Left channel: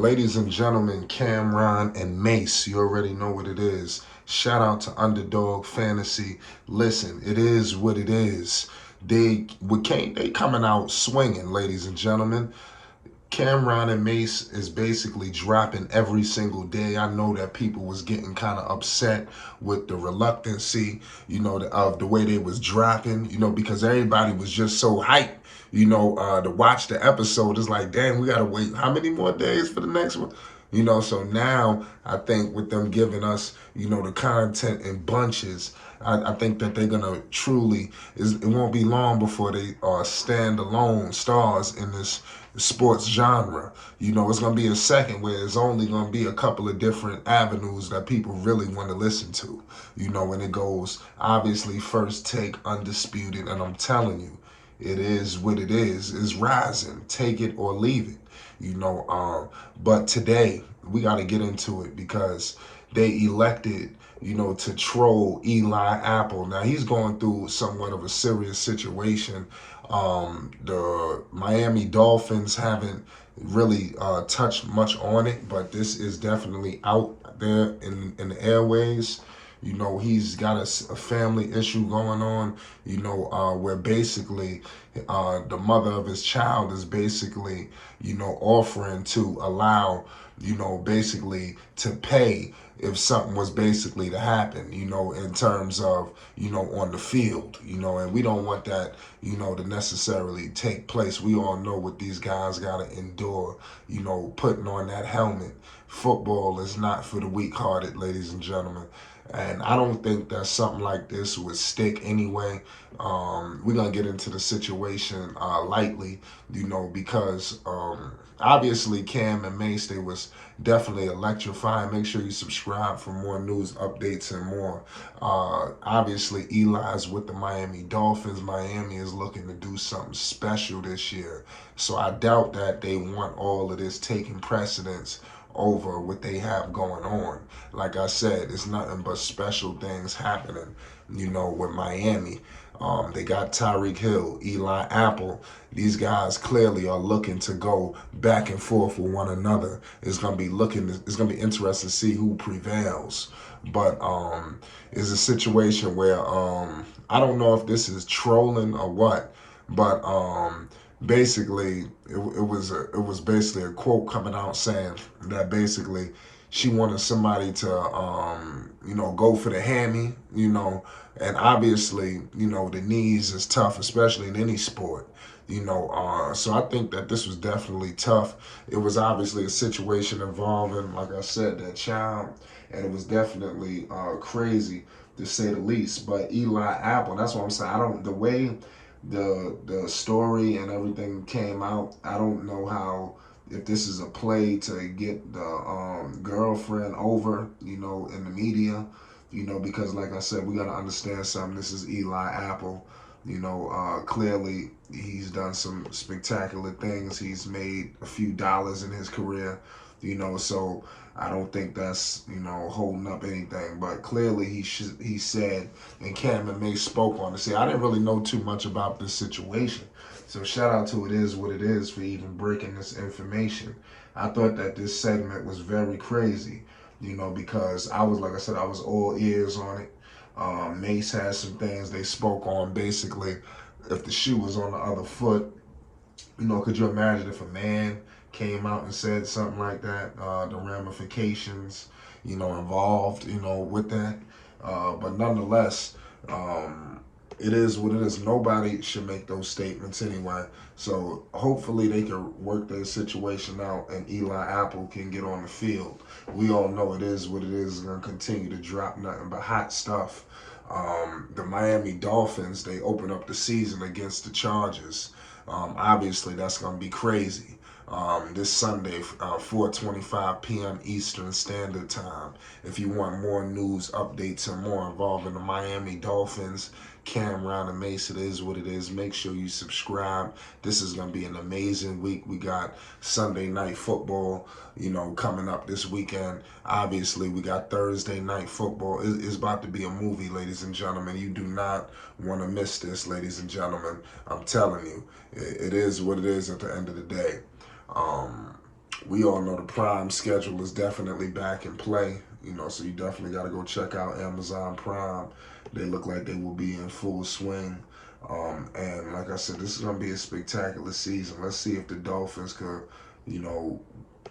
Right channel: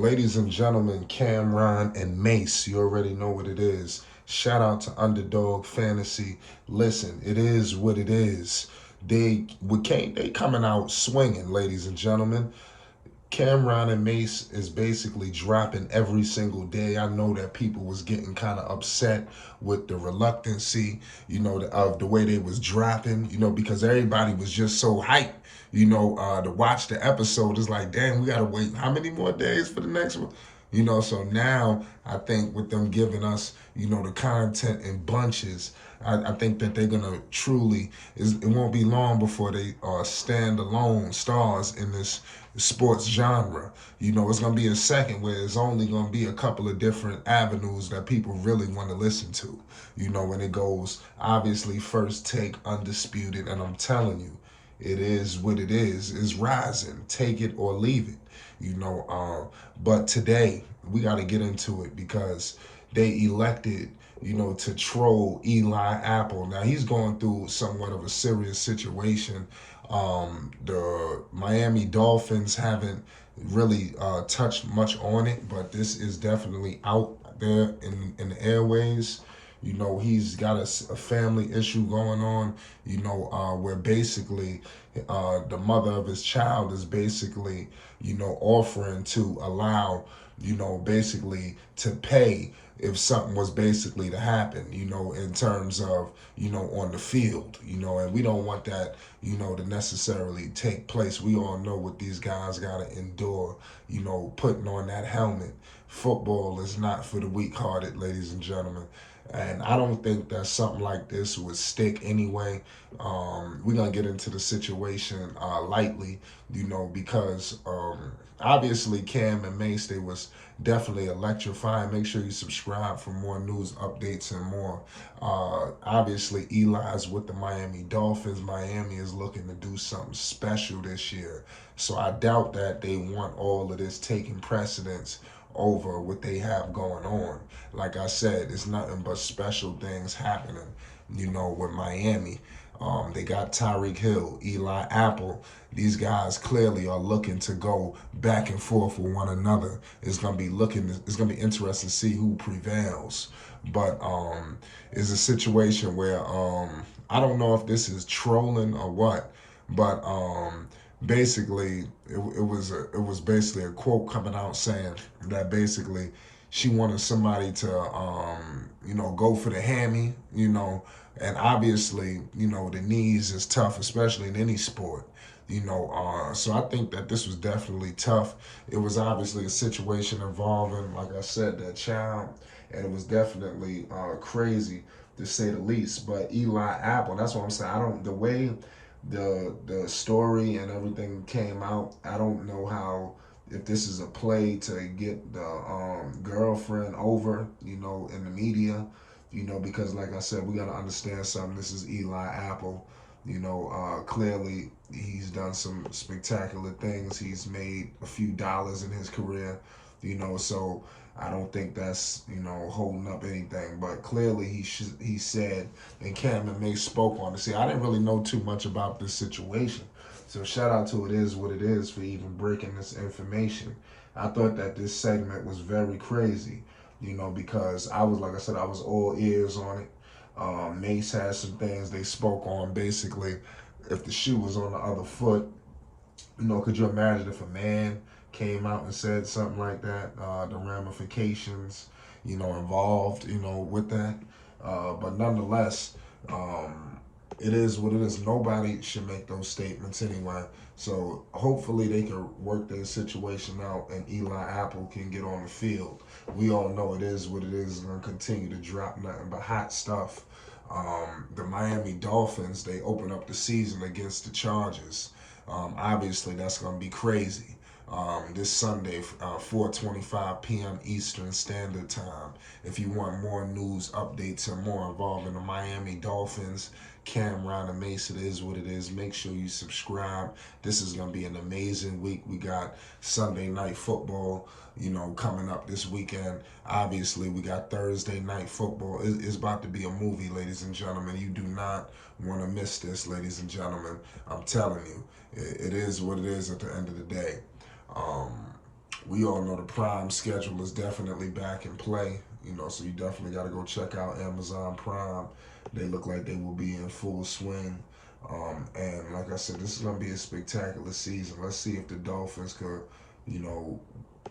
Ladies and gentlemen, Cameron and Mase, you already know what it is. Shout out to Underdog Fantasy. Listen, it is what it is. They coming out swinging, ladies and gentlemen. Cameron and Mase is basically dropping every single day. I know that people was getting kind of upset with the reluctancy, of the way they was dropping, because everybody was just so hyped, to watch the episode. It's like, damn, we gotta wait how many more days for the next one? So now I think with them giving us, the content in bunches, I think that they're gonna truly. It won't be long before they are standalone stars in this sports genre. It's gonna be a second where it's only gonna be a couple of different avenues that people really want to listen to. When it goes obviously first take, undisputed, and I'm telling you, it is what it is. It's rising. Take it or leave it. But today we got to get into it because they elected, to troll Eli Apple. Now he's going through somewhat of a serious situation. The Miami Dolphins haven't really touched much on it, but this is definitely out there in the airways. He's got a family issue going on, where basically the mother of his child is basically, offering to allow, basically to pay if something was basically to happen, in terms of, on the field, and we don't want that, to necessarily take place. We all know what these guys got to endure, putting on that helmet. Football is not for the weak-hearted, ladies and gentlemen. And I don't think that something like this would stick anyway. We're going to get into the situation lightly, because obviously Cam and Mase, they was definitely electrifying. Make sure you subscribe for more news updates and more. Obviously, Eli's with the Miami Dolphins. Miami is looking to do something special this year. So I doubt that they want all of this taking precedence over what they have going on. Like I said, it's nothing but special things happening, with Miami. They got Tyreek Hill, Eli Apple. These guys clearly are looking to go back and forth with one another. It's gonna be interesting to see who prevails. But it's a situation where I don't know if this is trolling or what, but basically it was basically a quote coming out saying that basically she wanted somebody to go for the hammy, and obviously the knees is tough, especially in any sport. So I think that this was definitely tough. It was obviously a situation involving, like I said, that child, and it was definitely crazy to say the least. But Eli Apple, that's what I'm saying. I don't the way the story and everything came out. I don't know how, if this is a play to get the girlfriend over, in the media, because like I said, we got to understand something. This is Eli Apple. Clearly he's done some spectacular things. He's made a few dollars in his career, so I don't think that's, holding up anything. But clearly he said, and Cam and May spoke on it. See, I didn't really know too much about this situation. So shout out to It Is What It Is for even breaking this information. I thought that this segment was very crazy, because like I said, I was all ears on it. Mase had some things they spoke on. Basically, if the shoe was on the other foot, could you imagine if a man came out and said something like that? The ramifications, involved, with that. But nonetheless, it is what it is. Nobody should make those statements anyway. So hopefully they can work their situation out and Eli Apple can get on the field. We all know it is what it is. It's going to continue to drop nothing but hot stuff. The Miami Dolphins, they open up the season against the Chargers. Obviously, that's going to be crazy. This Sunday, 4:25 p.m. Eastern Standard Time. If you want more news, updates, and more involving the Miami Dolphins, Cameron and Mase, it is what it is. Make sure you subscribe. This is going to be an amazing week. We got Sunday night football, coming up this weekend. Obviously, we got Thursday night football. It's about to be a movie, ladies and gentlemen. You do not want to miss this, ladies and gentlemen. I'm telling you, it is what it is at the end of the day. Um, We all know the Prime schedule is definitely back in play. So you definitely got to go check out Amazon Prime. They look like they will be in full swing. And like I said, this is going to be a spectacular season. Let's see if the Dolphins can, you know,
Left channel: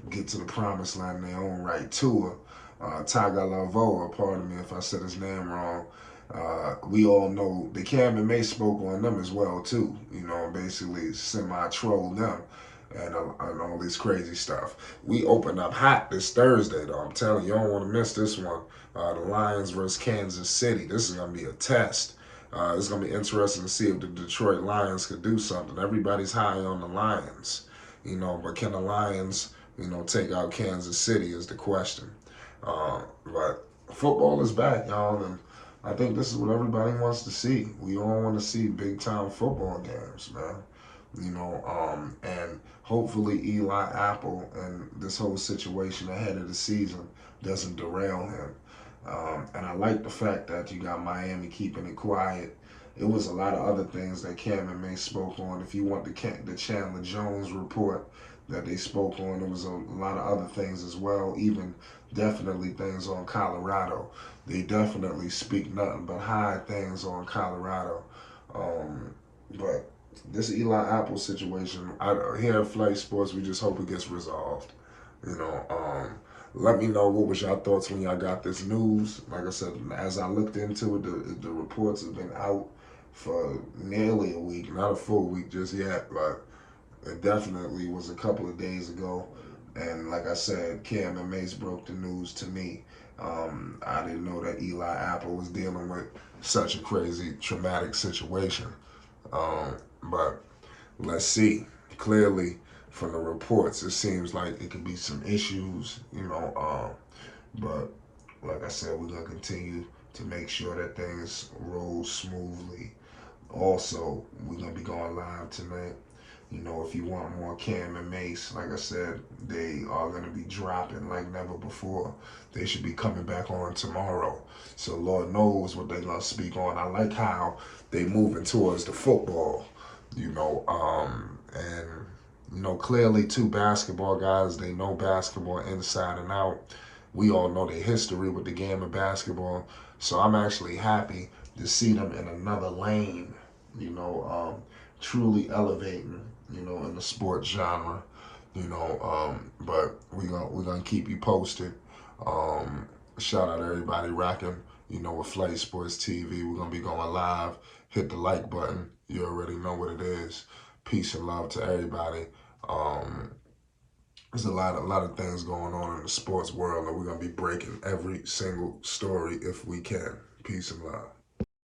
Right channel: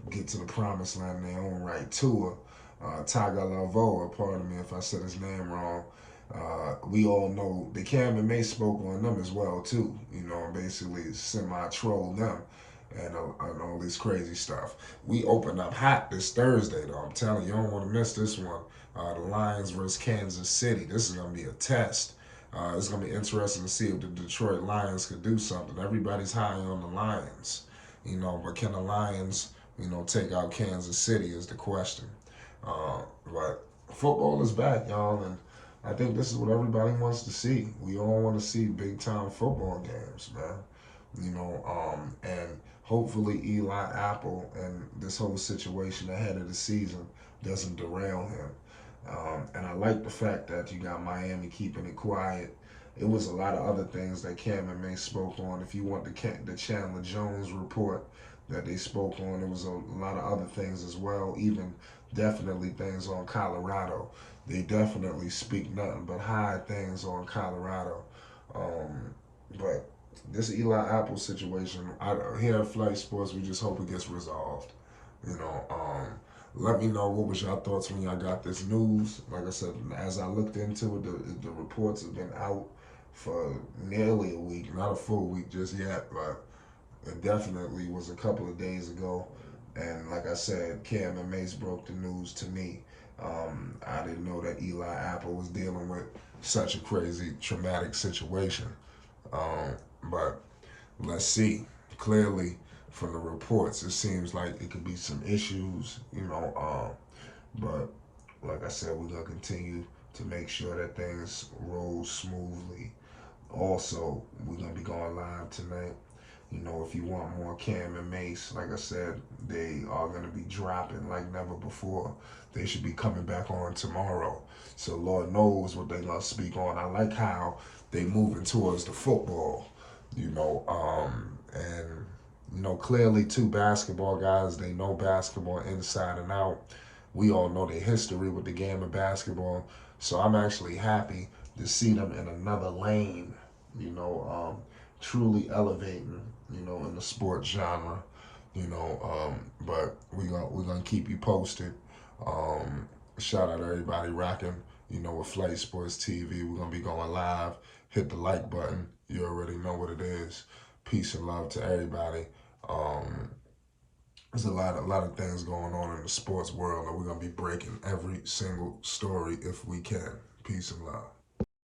get to the promised land in their own right. Tua, Tagovailoa, pardon me if I said his name wrong. We all know the Cam and Mase spoke on them as well too. Basically semi-troll them and all this crazy stuff. We open up hot this Thursday though. I'm telling you, you don't want to miss this one. The Lions versus Kansas City. This is gonna be a test. It's gonna be interesting to see if the Detroit Lions could do something. Everybody's high on the Lions, but can the Lions, take out Kansas City is the question. But football is back, y'all, and I think this is what everybody wants to see. We all want to see big time football games, man. And hopefully Eli Apple and this whole situation ahead of the season doesn't derail him. And I like the fact that you got Miami keeping it quiet. It was a lot of other things that Cam and May spoke on. If you want the Chandler Jones report that they spoke on, there was a lot of other things as well, even definitely things on Colorado. They definitely speak nothing but high things on Colorado. But this Eli Apple situation, here at Flight Sports, we just hope it gets resolved. You know, let me know what was your thoughts when y'all got this news. Like I said, as I looked into it, the reports have been out for nearly a week, not a full week just yet, but it definitely was a couple of days ago. And like I said, Cam and Mase broke the news to me. I didn't know that Eli Apple was dealing with such a crazy, traumatic situation. But let's see. Clearly, from the reports, it seems like it could be some issues, but like I said, we're going to continue to make sure that things roll smoothly. Also, we're going to be going live tonight. If you want more Cam and Mase, like I said, they are going to be dropping like never before. They should be coming back on tomorrow. So Lord knows what they're going to speak on. I like how they moving towards the football, and clearly two basketball guys, they know basketball inside and out. We all know the history with the game of basketball. So I'm actually happy to see them in another lane, truly elevating, in the sports genre, but we're gonna keep you posted. Shout out to everybody rocking, with Flight Sports TV. We're gonna be going live. Hit the like button. You already know what it is. Peace and love to everybody. There's a lot of things going on in the sports world, and we're gonna be breaking every single story if we can. Peace and love.